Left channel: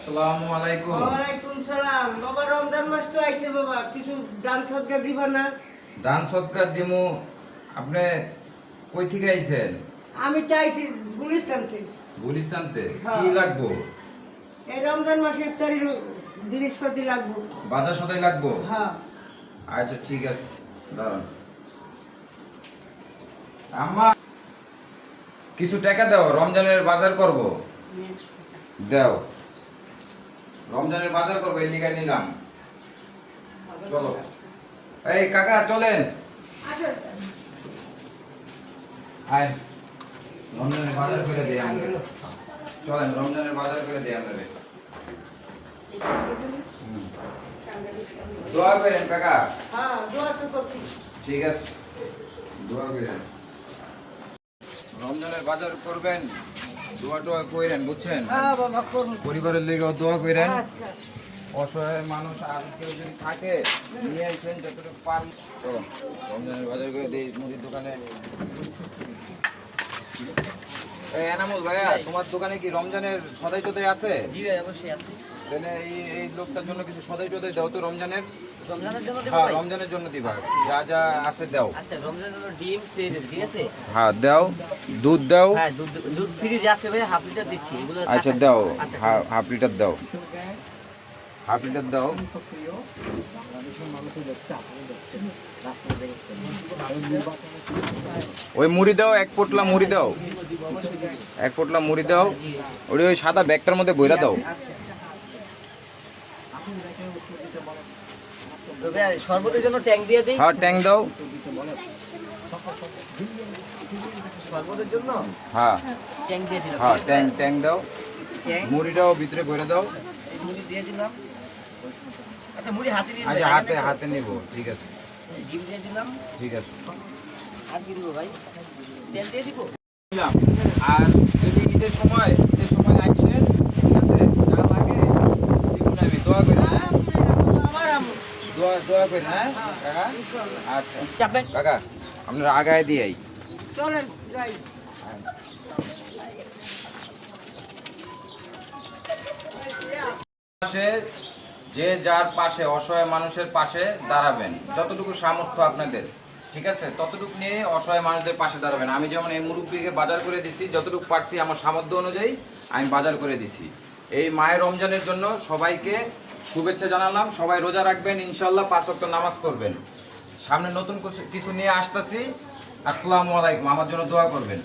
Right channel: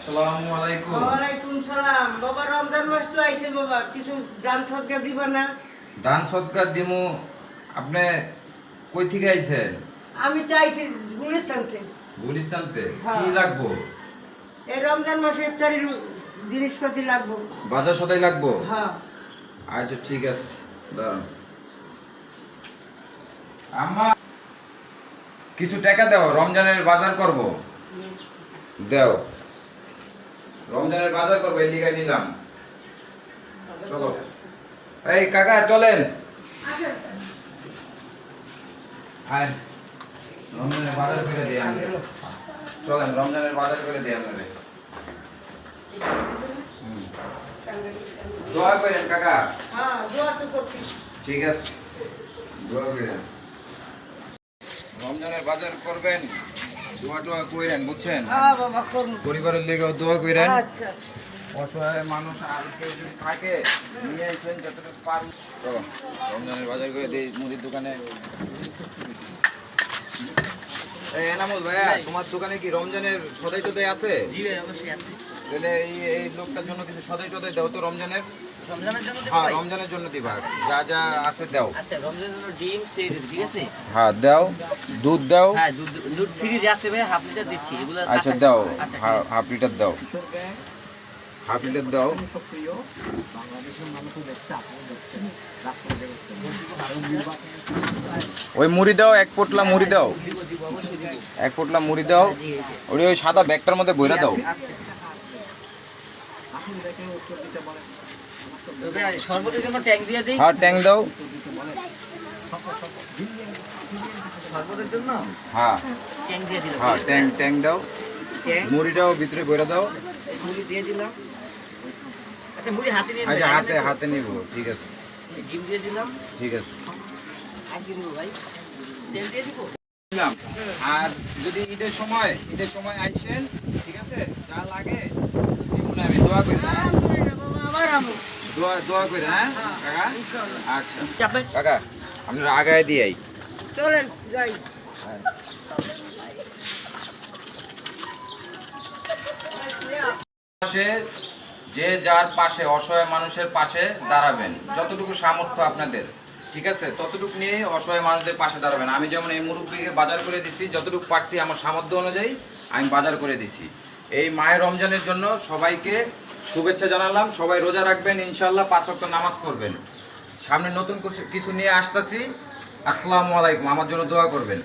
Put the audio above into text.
আসসালামু আলাইকুম। ওয়ালাইকুম সালাম। বাবা রমজান মাস তো আইছে বাবা, কিছু দান সদকা দিবা না? দান সৎকার দিমু। আপনি কই থেকে আইছেন? আমি তো আইছি গুলিস্তান থেকে। গুলিস্তানতে। হ্যাঁ। কি লাগবো? এই রমজান মাসে ইফতারির জিনিসপাতি লাগবো। বাজার সদাই লাগবো? হ্যাঁ। আচ্ছা ঠিক আছে, দাঁড়ান। আম্মা কিছু টাকা দাও, রমজানের বাজার করব। দাও, রমজানের বাজার করবো, এই লিগাই নিলাম। চলো। এই কাকা চলেন। আসেন। আয়, রমজানের বাজার করে দিই আমরা। চলেন, রমজানের বাজার করে দিই আমরা। দোয়া করেন কাকা। হ্যাঁ, দোয়া তো করছি। ঠিক আছে, দোয়া করেন। রমজানের বাজার করবেন, দোয়া টোয়া করেন, বুঝছেন? হ্যাঁ বাবা করুন। পরিবারের লেগেও দোয়া করেন। আচ্ছা। অসহায় মানুষ আর কেউ যদি থাকে নিয়ে আসবেন যতটুকু পারবেন। চলো, রমজানের বাজার করে দিই মুদির দোকানে। এই এনামুল ভাইয়া, তোমার দোকানে কি রমজানের সদাই টদাই আছে? জি ভাই, অবশ্যই আছে। তাহলে এই লোকটার জন্য কিছু সদাই টদাই দাও তো রমজানের। রমজানের জন্য দেবো হ্যাঁ, ভাই? রমজানের জন্য দিবা, যা যা আছে দাও। আচ্ছা, রমজানের জন্য ডিম সেই দেবো, ঠিক আছে? হ্যাঁ দাও, দুধ দাও। হ্যাঁ, দুধ ফ্রিজে আছে ভাই, হাফ লিটার দিচ্ছি এগুলো। আচ্ছা দাও, আচ্ছা, ঠিক আছে। হাফ লিটার দাও, হাফ লিটার দাও। ওই মুড়ি দাও, এক পোটলা মুড়ি দাও, দিব, অবশ্যই দিব। এক পোটলা মুড়ি দাও। জি, ওই সাদা ব্যাগটার মধ্যে বইরা দাও। আচ্ছা। তো ভাই, শরবতের জন্য ট্যাঙ্ক দিয়ে দিই। হ্যাঁ ট্যাং দাও। শরবতের জন্য হ্যাঁ ট্যাঙ্ক দিয়ে দিলাম, হ্যাঁ, ঠিক আছে? ট্যাং ট্যাং দাও। ট্যাঙ্ক, মুড়িটাও ভিতরে বইরা দাও। এই মুড়ি দিয়ে দিলাম। আচ্ছা, মুড়ি হাতে দিয়ে আচ্ছা, দিলাম, হাতে তাই না? হাতে নিব, ঠিক আছে এই ডিম দিয়ে দিলাম। ঠিক আছে। আর দিয়ে দিব ভাই, তেল দিয়ে দিব। দিলাম। আর যদি ঈদের সময় আইসেন, ঠিক আছে, যা লাগে এগুলো আমি দোয়া করি, হ্যাঁ? আলহামদুলিল্লাহ বাবা, আবার আমু। দোয়া করি, হ্যাঁ কাকা? ইনশাআল্লাহ। আচ্ছা চাপ ভাই। কাকা, আপনারা আগায় দিয়ে আই। চলেন যাই। পাশে যে যার পাশে, অসহায় মানুষের পাশে দাঁড়াবেন, যতটুকু সামর্থ্য আপনাদের, ঠিক আছে, ততটুকু নিয়ে অসহায় মানুষদের পাশে দাঁড়াবেন। আমি যেমন এই মুরব্বীকে বাজার করে দিচ্ছি, যতটুকু পারছি আমার সামর্থ্য অনুযায়ী আমি বাজার করে দিছি। এই মায়ের রমজানের জন্য সবাইকে শুভেচ্ছা জানালাম। সবাই রোজা রাখবেন, ইনশাল্লাহ 5 ওয়াক্ত নামাজ পড়বেন। সামনে নতুন কিছু নিয়ে আসতেছি। আসসালামু আলাইকুম, আমার জন্য দোয়া করবেন।